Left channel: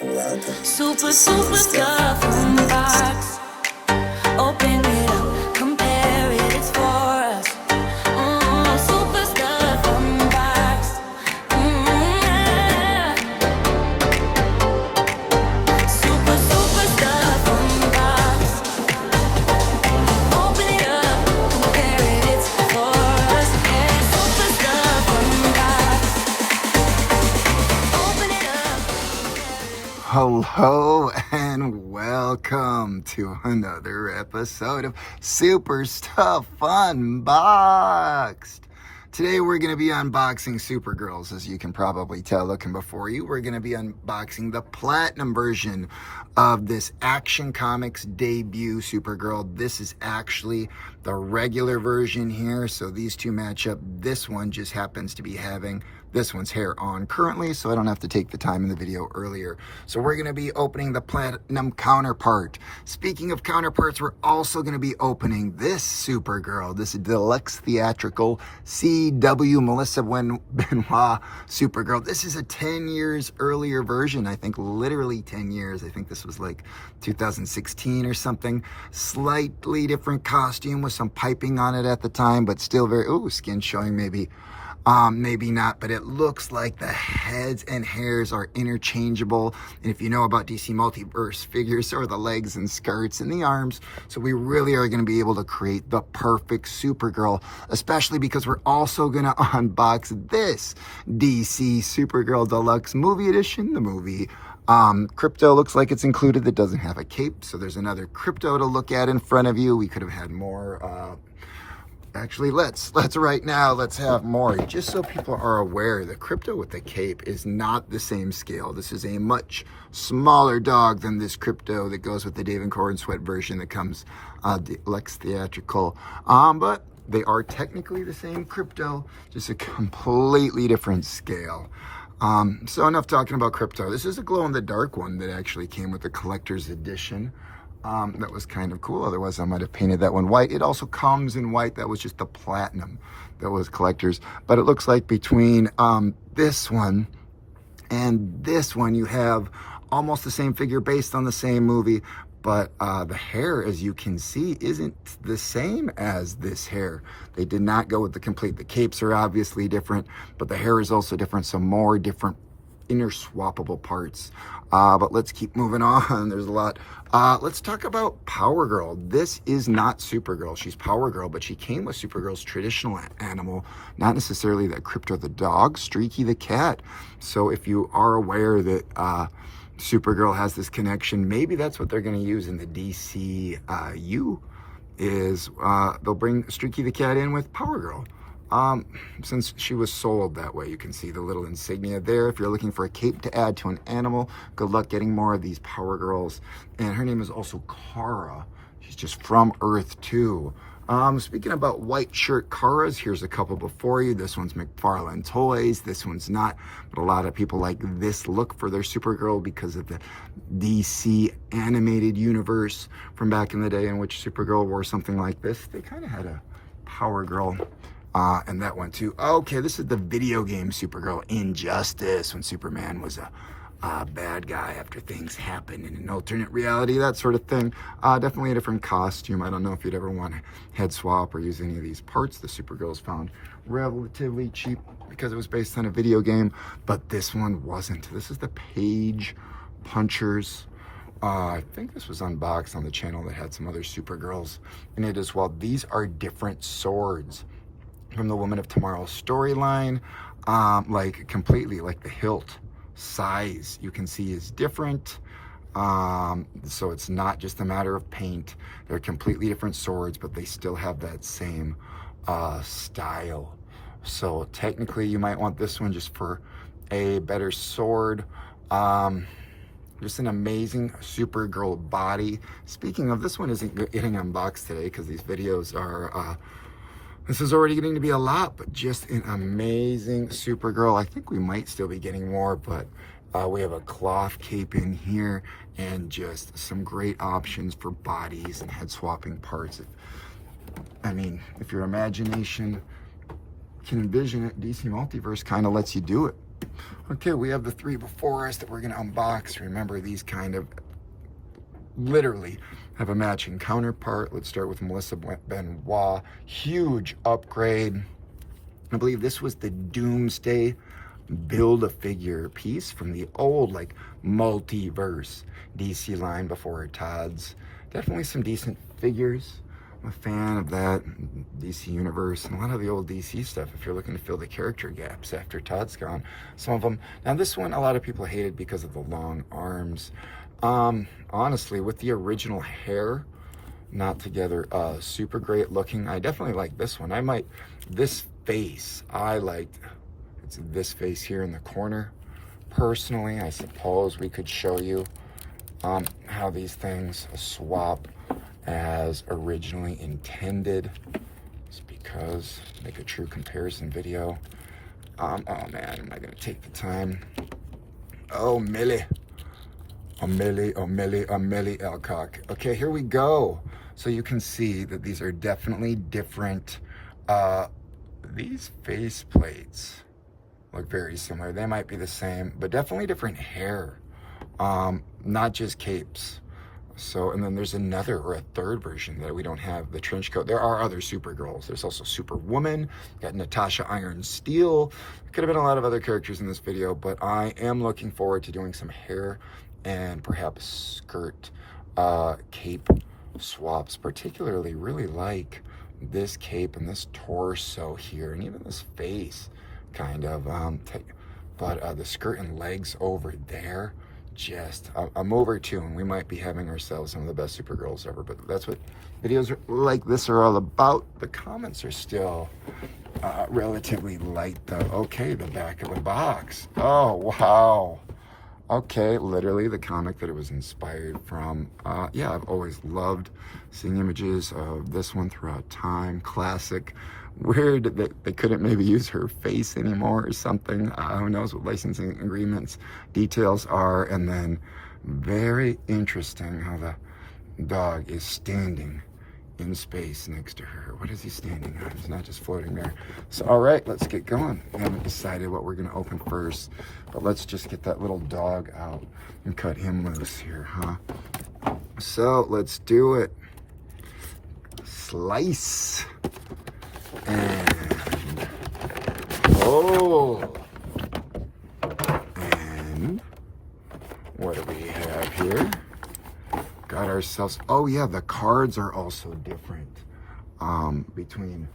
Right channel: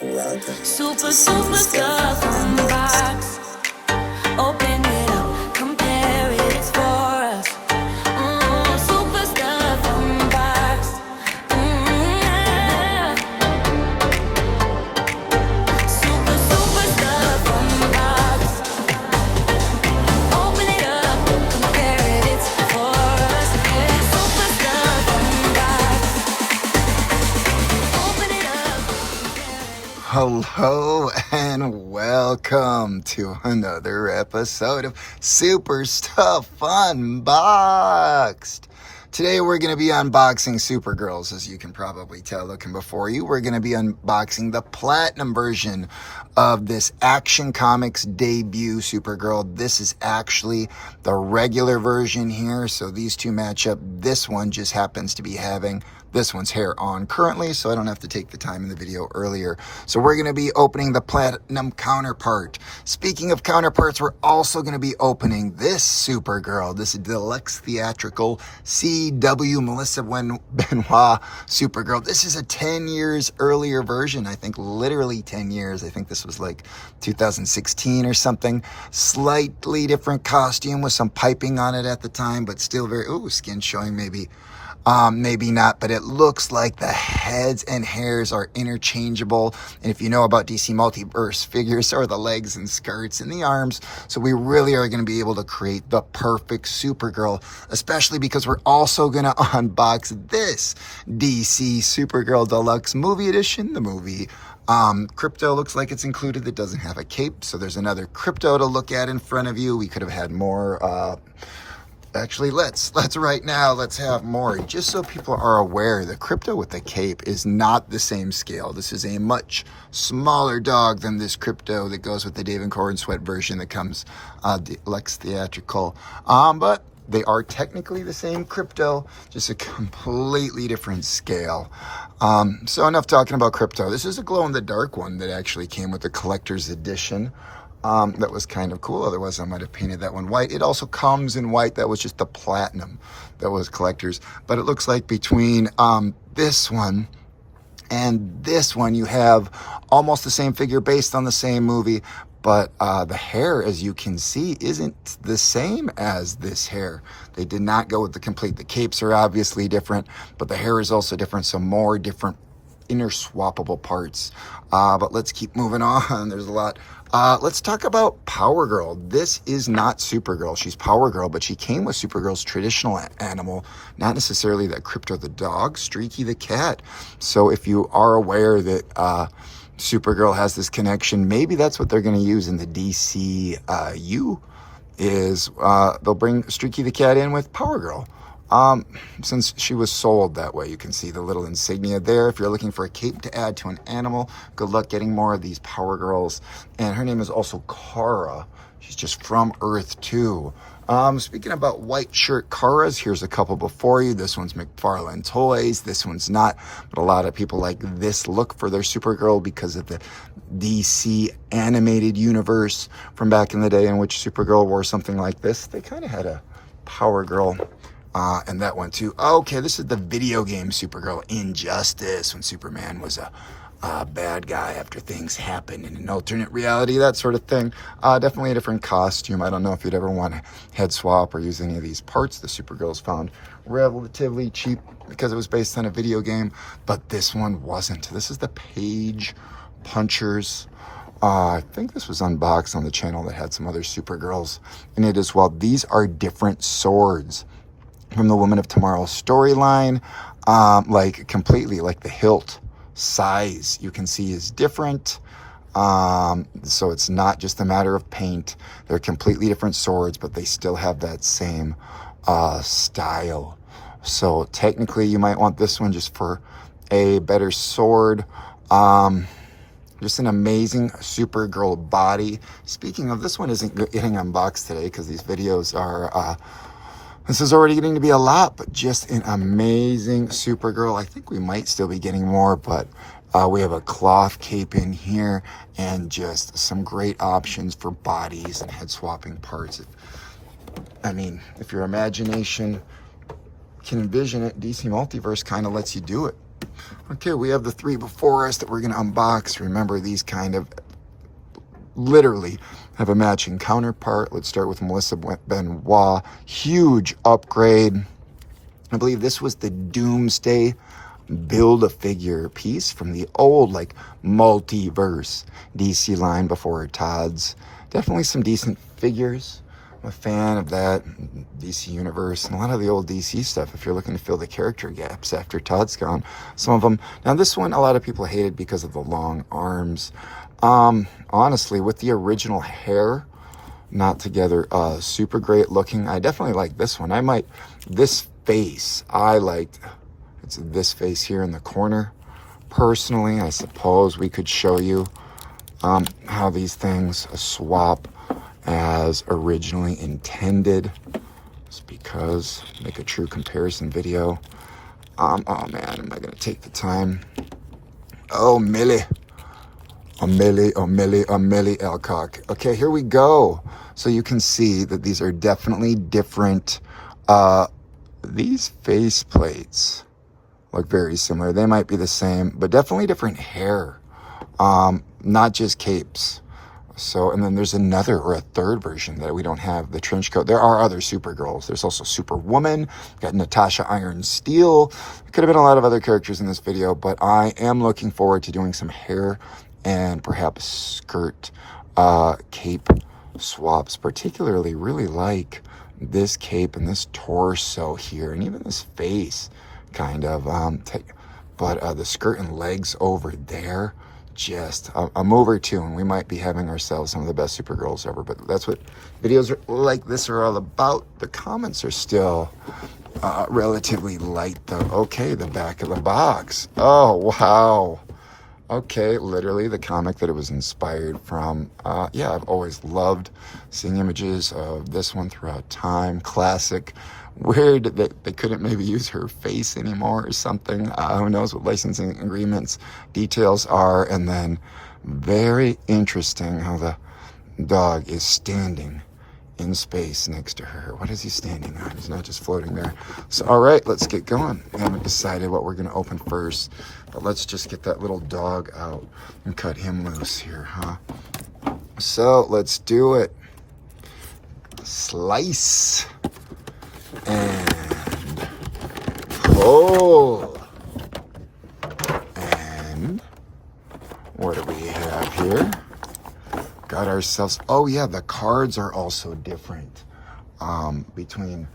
Super stuff unbox. Open it up, compare it, it's for us. Super stuff unbox. Yeah. Super stuff unbox. Open it up, compare it, it's for us. Yeah. Super stuff unbox. Open it up, compare it. Hello and welcome to another episode of Super Stuff Unboxed. Today we're going to be unboxing Supergirls, as you can probably tell looking before you. We're going to be unboxing the platinum version of this Action Comics debut Supergirl. This is actually the regular version here, so these two match up. This one just happens to be having this one's hair on currently, so I don't have to take the time in the video earlier. So we're going to be opening the platinum counterpart. Speaking of counterparts, we're also going to be opening this Supergirl. This is Deluxe Theatrical CW Melissa Benoit Supergirl. This is a 10 years earlier version. I think literally 10 years. I think this was like 2016 or something. Slightly different costume with some piping on it at the time, but still very, skin showing maybe. Maybe not, but it looks like the heads and hairs are interchangeable. And if you know about DC Multiverse figures, so are the legs and skirts and the arms. So we really are going to be able to create the perfect Supergirl, especially because we're also going to unbox this DC Supergirl Deluxe Movie Edition, the movie. Crypto looks like it's included. That doesn't have a cape, so there's another crypto to look at in front of you. We could have had more, Actually, let's right now, let's have more. Just so people are aware, the crypto with the cape is not the same scale. This is a much smaller dog than this crypto that goes with the Dave and Corin Sweat version that comes Deluxe Theatrical. But they are technically the same crypto, just a completely different scale. So enough talking about crypto. This is a glow-in-the-dark one that actually came with the collector's edition. That was kind of cool. Otherwise, I might have painted that one white. It also comes in white. That was just the platinum that was collector's. But it looks like between this one and this one, you have almost the same figure based on the same movie. But the hair, as you can see, isn't the same as this hair. They did not go with the complete. The capes are obviously different, but the hair is also different. So more different interswappable parts. But let's keep moving on. There's a lot. Let's talk about Power Girl. This is not Supergirl. She's Power Girl, but she came with Supergirl's traditional animal, not necessarily that Crypto the dog, Streaky the cat. So if you are aware that Supergirl has this connection, maybe that's what they're going to use in the DCU is they'll bring Streaky the cat in with Power Girl. Since she was sold that way, you can see the little insignia there. If you're looking for a cape to add to an animal, good luck getting more of these Power Girls. And her name is also Kara. She's just from Earth too. Speaking about white shirt Karas, here's a couple before you. This one's McFarlane Toys. This one's not, but a lot of people like this look for their Supergirl because of the DC animated universe from back in the day in which Supergirl wore something like this. They kind of had a Power Girl. And that one too. Okay, this is the video game Supergirl Injustice, when Superman was a bad guy after things happened in an alternate reality, that sort of thing. Definitely a different costume. I don't know if you'd ever want to head swap or use any of these parts. The Supergirls found relatively cheap because it was based on a video game, but this one wasn't. This is the Page Punchers. I think this was unboxed on the channel that had some other Supergirls in it as well. These are different swords from the Woman of Tomorrow storyline, like completely, like the hilt size you can see is different. So it's not just a matter of paint. They're completely different swords, but they still have that same style. So technically you might want this one just for a better sword. Just an amazing Supergirl body. Speaking of, this one isn't getting unboxed today because these videos are this is already getting to be a lot, but just an amazing Supergirl. I think we might still be getting more, but we have a cloth cape in here and just some great options for bodies and head swapping parts. If your imagination can envision it, DC Multiverse kind of lets you do it. Okay, we have the three before us that we're going to unbox. Remember, these kind of literally have a matching counterpart. Let's start with Melissa Benoit. Huge upgrade. I believe this was the Doomsday Build-A-Figure piece from the old, like, Multiverse DC line before Todd's. Definitely some decent figures. I'm a fan of that DC universe and a lot of the old DC stuff if you're looking to fill the character gaps after Todd's gone. Some of them. Now, this one, a lot of people hated because of the long arms. Honestly, with the original hair not together, super great looking. I definitely like this one. This face, I liked. It's this face here in the corner. Personally, I suppose we could show you how these things swap as originally intended. Just because, make a true comparison video. Oh man, am I gonna take the time? Oh, Millie. A Millie Alcock. Okay, here we go. So you can see that these are definitely different. These face plates look very similar. They might be the same, but definitely different hair. Not just capes. So, and then there's another or a third version that we don't have, the trench coat. There are other Supergirls. There's also Superwoman, got Natasha Iron Steel. Could have been a lot of other characters in this video, but I am looking forward to doing some hair and perhaps skirt cape swaps. Particularly really like this cape and this torso here, and even this face kind of. But the skirt and legs over there, just a move or two, and we might be having ourselves some of the best Supergirls ever. But that's what videos like this are all about. The comments are still relatively light, though. Okay, the back of the box. Oh, wow. Okay, literally the comic that it was inspired from. Yeah, I've always loved seeing images of this one throughout time. Classic. Weird that they couldn't maybe use her face anymore or something. Who knows what licensing agreements details are. And then very interesting how the dog is standing in space next to her. What is he standing on? He's not just floating there. So, all right, let's get going. I haven't decided what we're going to open first, but let's just get that little dog out and cut him loose here, huh? So, let's do it. Slice. And pull. And what do we have here? Got ourselves, oh yeah, the cards are also different between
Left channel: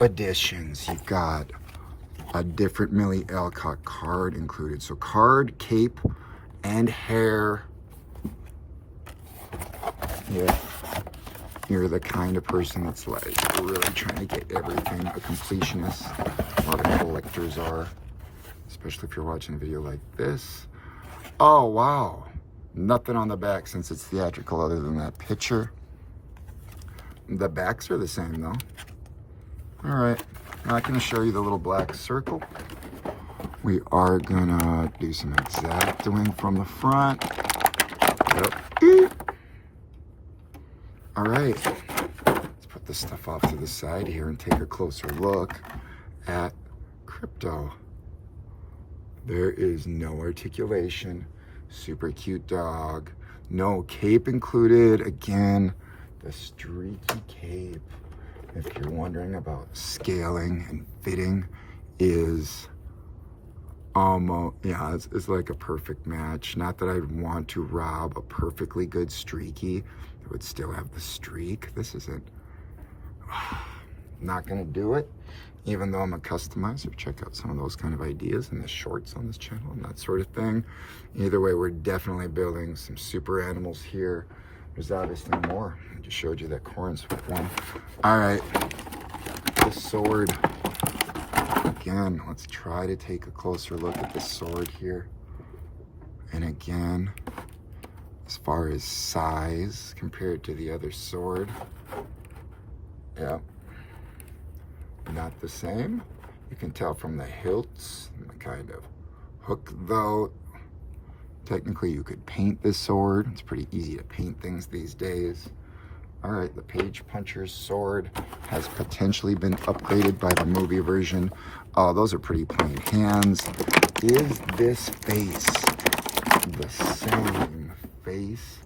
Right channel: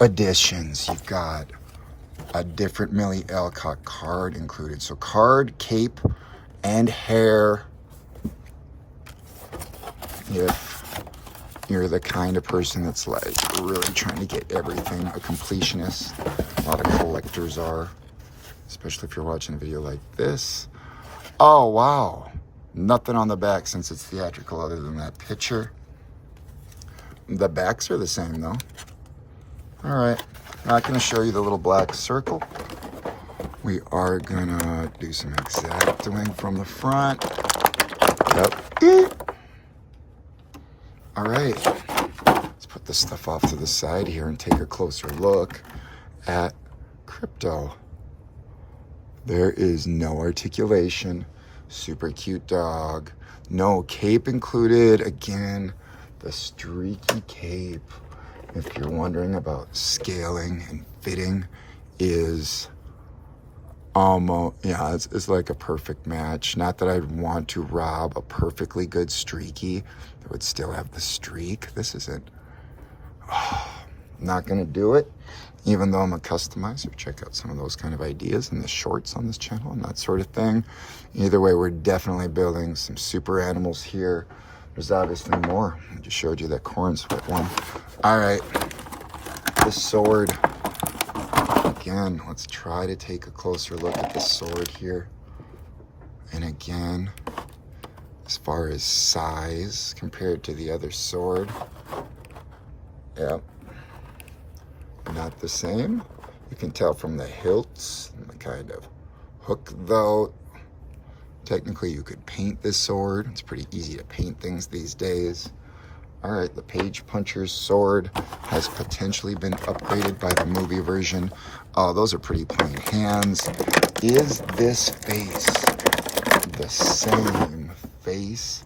editions. You've got a different Millie Alcock card included. So card, cape, and hair. If you're the kind of person that's like really trying to get everything, a completionist, a lot of collectors are, especially if you're watching a video like this. Oh, wow. Nothing on the back since it's theatrical other than that picture. The backs are the same though. All right, not gonna show you the little black circle. We are gonna do some exactoing from the front. Yep. All right, let's put this stuff off to the side here and take a closer look at Crypto. There is no articulation. Super cute dog. No cape included. Again, the streaky cape, if you're wondering about scaling and fitting, is almost, yeah, it's like a perfect match. Not that I'd want to rob a perfectly good streaky that would still have the streak. This isn't, not gonna do it. Even though I'm a customizer, check out some of those kind of ideas in the shorts on this channel and that sort of thing. Either way, we're definitely building some super animals here. There's obviously more. I just showed you that corn sweat one. All right, the sword. Again, let's try to take a closer look at the sword here. And again, as far as size compared to the other sword, yeah. Not the same. You can tell from the hilts and the kind of hook though. Technically you could paint this sword. It's pretty easy to paint things these days. All right, the Page Puncher's sword has potentially been upgraded by the movie version. Oh, those are pretty plain hands. Is this face the same face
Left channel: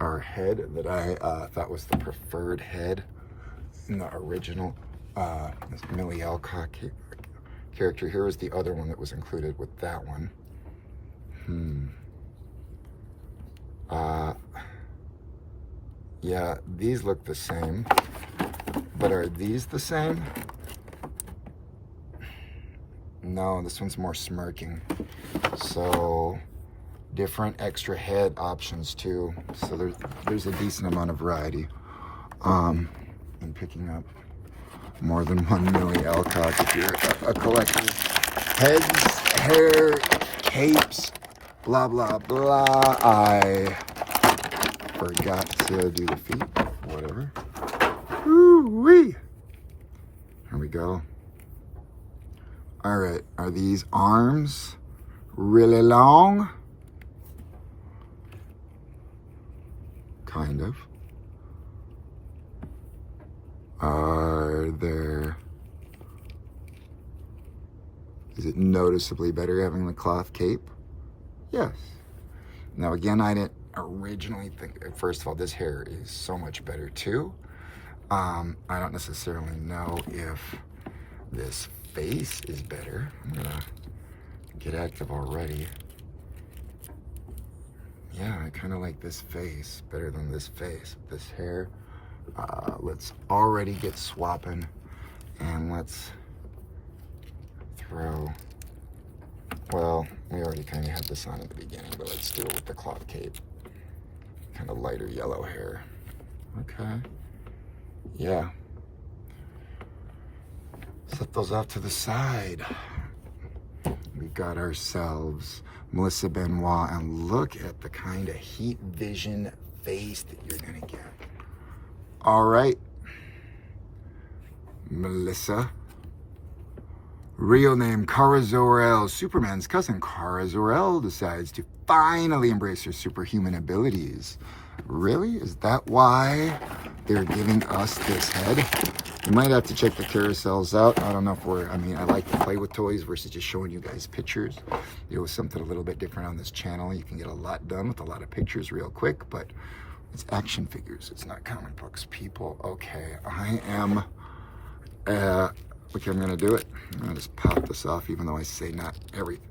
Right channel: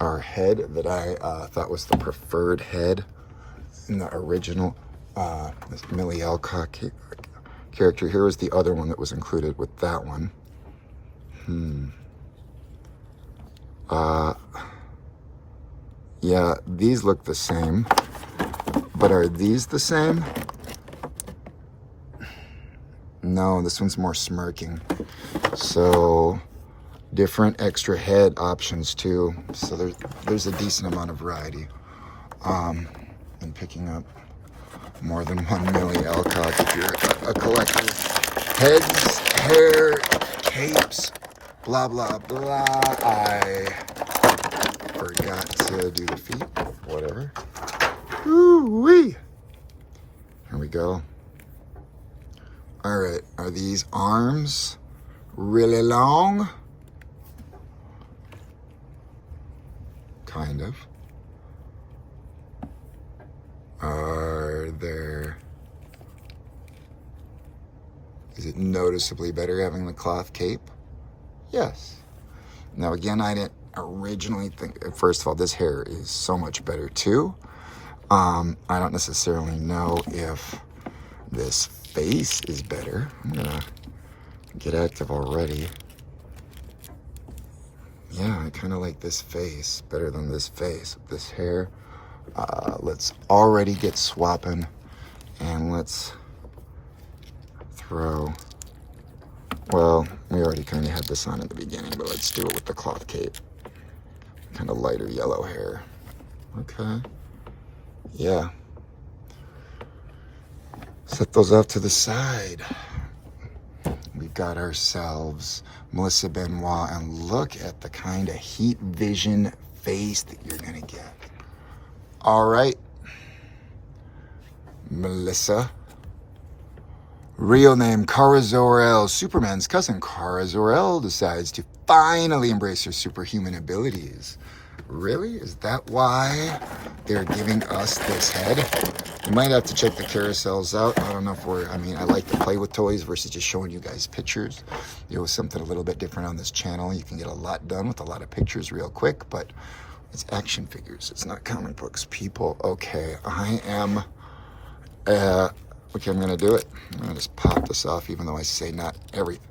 or head that I thought was the preferred head in the original this Millie Alcock character? Here was the other one that was included with that one. Yeah, these look the same, but are these the same? No, this one's more smirking. So different extra head options too. So there's a decent amount of variety in picking up more than one Millie Alcock if you're a collector. Heads, hair, capes, blah, blah, blah. I forgot to do the feet, whatever. Ooh-wee. Here we go. All right, are these arms really long? Kind of. Are there... Is it noticeably better having the cloth cape? Yes. Now again, I didn't originally think, first of all, this hair is so much better too. I don't necessarily know if this face is better. I'm gonna get active already. Yeah, I kind of like this face better than this face. This hair. Let's already get swapping, and let's throw, well, we already kind of had this on at the beginning, but let's do it with the cloth cape. Kind of lighter yellow hair. Okay. Yeah. Set those off to the side. We've got ourselves Melissa Benoit, and look at the kind of heat vision face that you're gonna get. All right, Melissa. Real name Kara Zor-El. Superman's cousin Kara Zor-El decides to finally embrace her superhuman abilities. Really? Is that why they're giving us this head? You might have to check the carousels out. I don't know if I like to play with toys versus just showing you guys pictures. It was something a little bit different on this channel. You can get a lot done with a lot of pictures real quick, but it's action figures. It's not comic books, people. Okay, I am... okay, I'm gonna do it. I'm gonna just pop this off, even though I say not everything.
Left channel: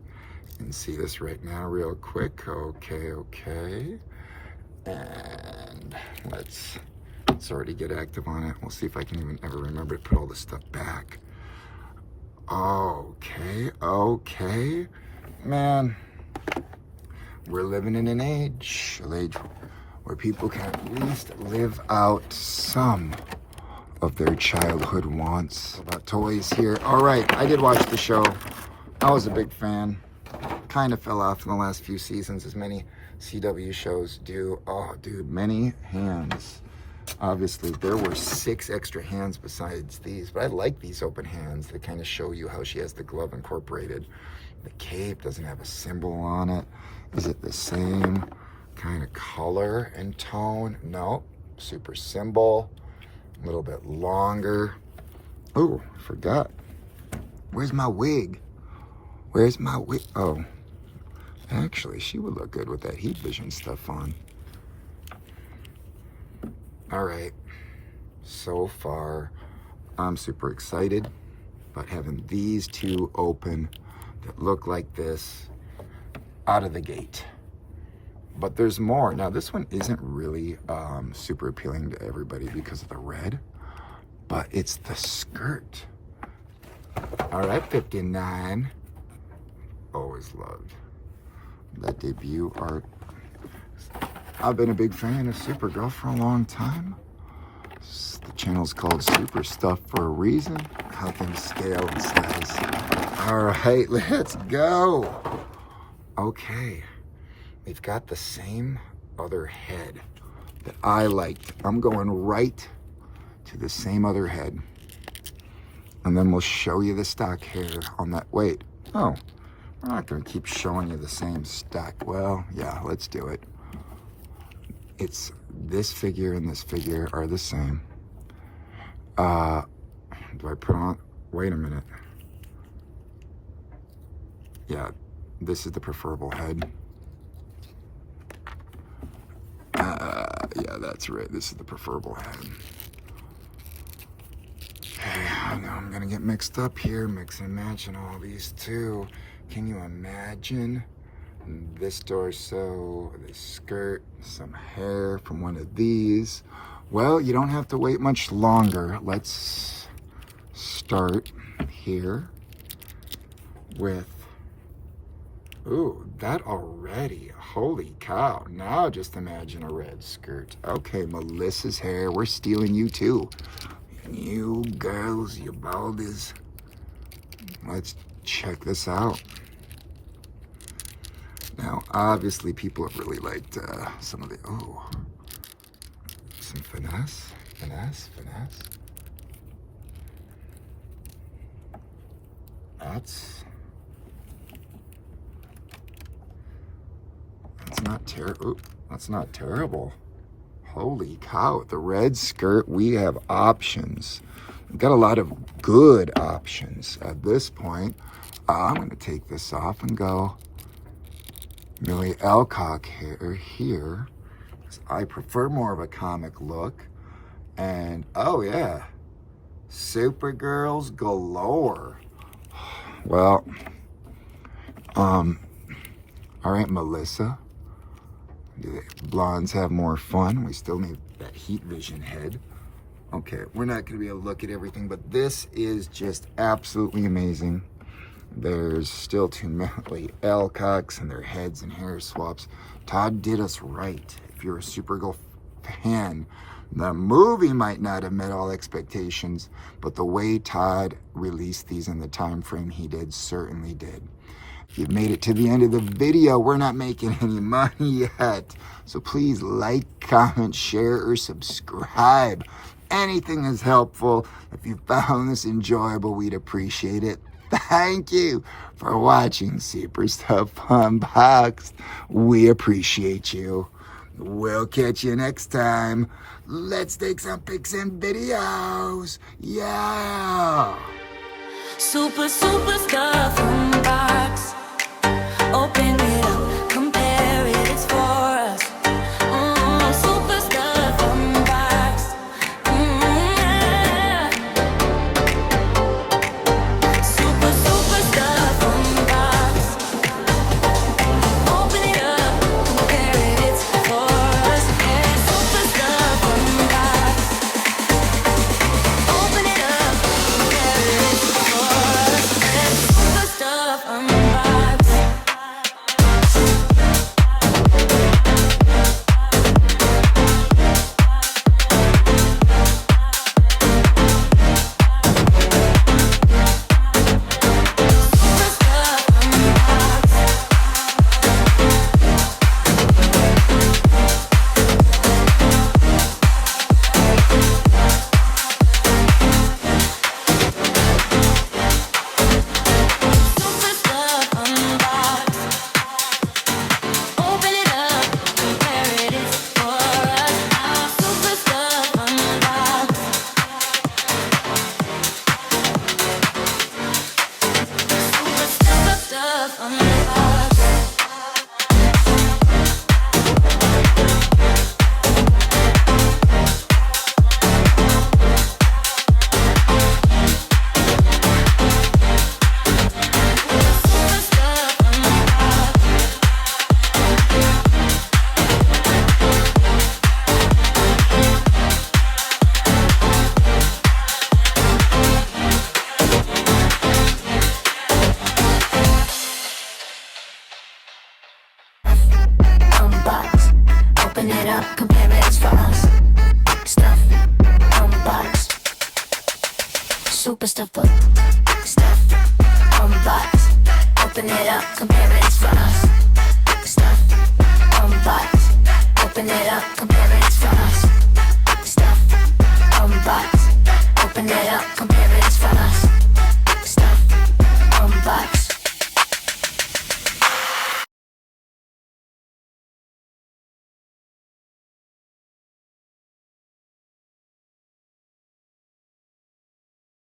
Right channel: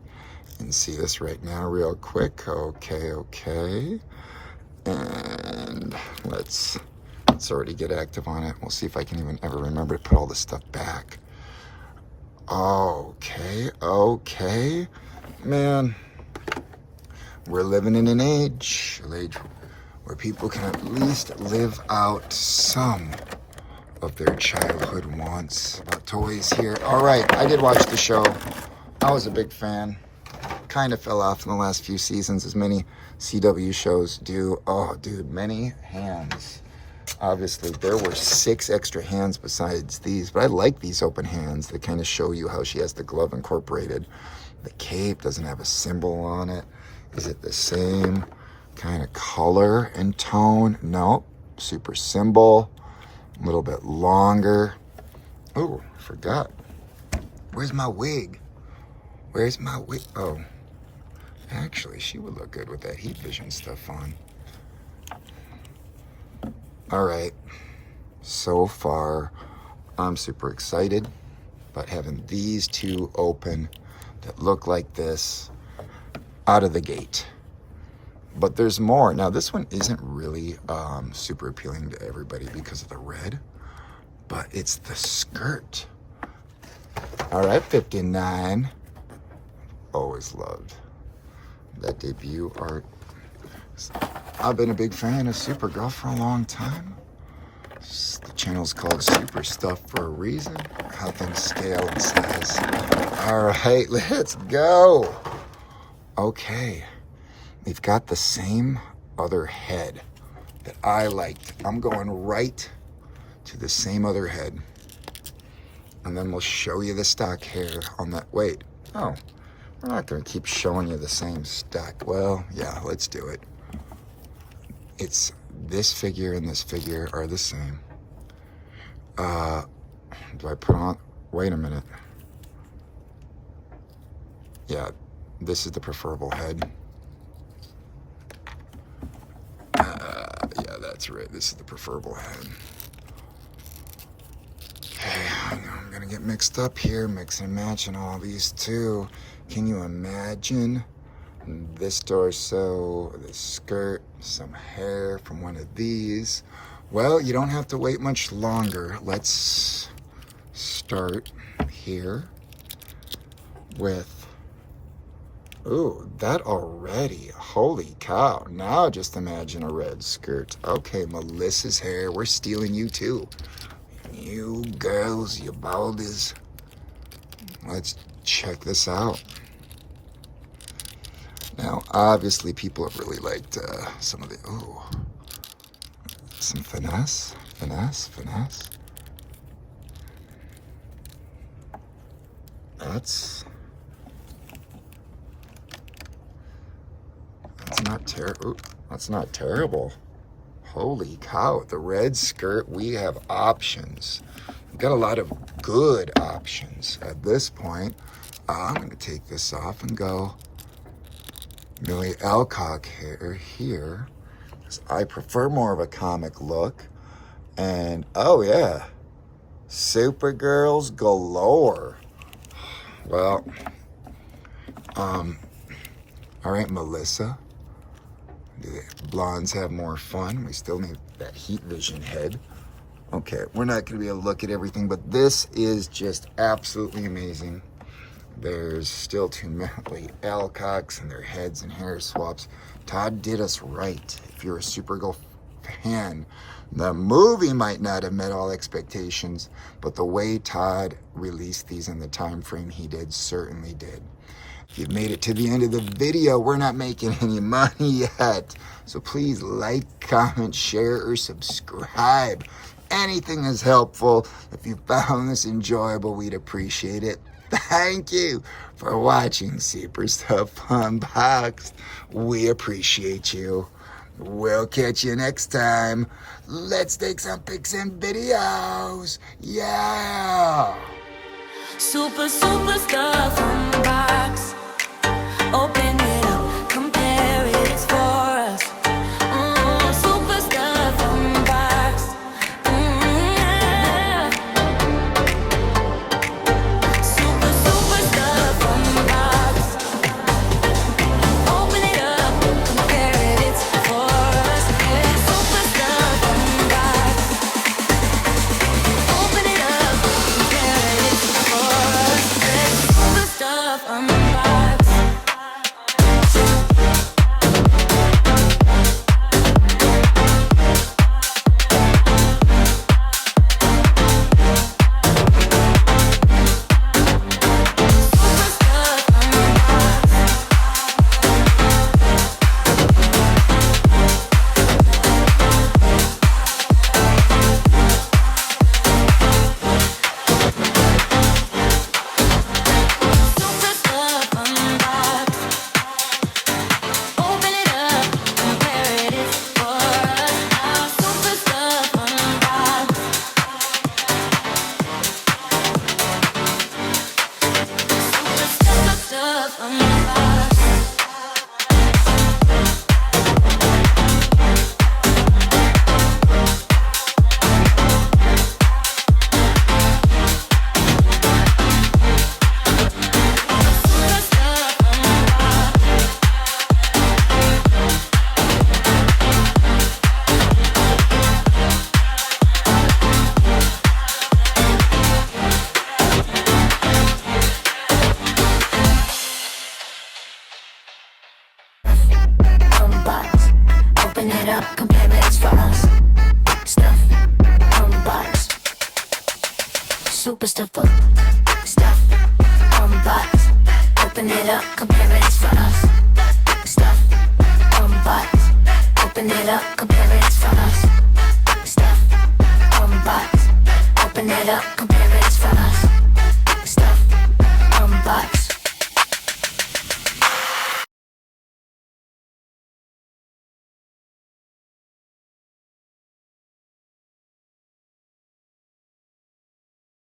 You can see this right now real quick. Okay. And let's already get active on it. We'll see if I can even ever remember to put all this stuff back. Okay. Man, we're living in an age where people can at least live out some of their childhood wants. About toys here. All right, I did watch the show. I was a big fan. Kind of fell off in the last few seasons, as many CW shows do. Oh, dude, many hands. Obviously, there were 6 extra hands besides these, but I like these open hands. They kind of show you how she has the glove incorporated. The cape doesn't have a symbol on it. Is it the same kind of color and tone? Nope. Super symbol. A little bit longer. Oh, forgot. Where's my wig? Oh, actually, she would look good with that heat vision stuff on. All right. So far, I'm super excited about having these two open that look like this out of the gate. But there's more. Now, this one isn't really super appealing to everybody because of the red, but it's the skirt. All right, 59. Always loved that debut art. I've been a big fan of Supergirl for a long time. The channel's called Super Stuff for a reason. How things scale in size. All right, let's go. Okay. We've got the same other head that I liked. I'm going right to the same other head. And then we'll show you the stock hair on that. Wait, oh, we're not gonna keep showing you the same stock. Well, yeah, let's do it. it's this figure and this figure are the same. Do I put on, wait a minute. Yeah, this is the preferable head. Yeah, that's right. This is the preferable head. Okay, I know I'm gonna get mixed up here, mix and matching all these two. Can you imagine this torso, this skirt, some hair from one of these? Well, you don't have to wait much longer. Let's start here with, ooh, that already. Holy cow. Now just imagine a red skirt. Okay, Melissa's hair. We're stealing you too. You girls, you baldies. Let's check this out. Now, obviously, people have really liked some of the, ooh, some finesse. That's not terrible. That's not terrible. Holy cow, the red skirt, we have options. We've got a lot of good options at this point. I'm gonna take this off and go Millie Alcock hair here. I prefer more of a comic look. And oh yeah, Supergirls galore. Well, all right, Melissa. Do blondes have more fun? We still need that heat vision head. Okay, we're not gonna be able to look at everything, but this is just absolutely amazing. There's still too many Alcocks and their heads and hair swaps. Todd did us right. If you're a Supergirl fan, the movie might not have met all expectations, but the way Todd released these in the time frame he did certainly did. If you've made it to the end of the video, we're not making any money yet. So please like, comment, share, or subscribe. Anything is helpful. If you found this enjoyable, we'd appreciate it. Thank you for watching Super Stuff Unboxed. We appreciate you. We'll catch you next time. Let's take some pics and videos. Yeah. Super stuff unbox. Open it up, compare it, it's for us. Super stuff unbox. Yeah. Super stuff unbox. Open it up, compare it, it's for us. Yeah. Super stuff unbox. Open it up, compare it, it's for us. Yeah. Super stuff unbox. Stuff unboxed. Open it up, compare it, it's for us. Stuff unboxed. Super stuff unboxed. Open it up, compare it, it's for us. Stuff unboxed. Open it up, compare it, it's for us. Stuff unboxed. Open it up, compare it, it's for us.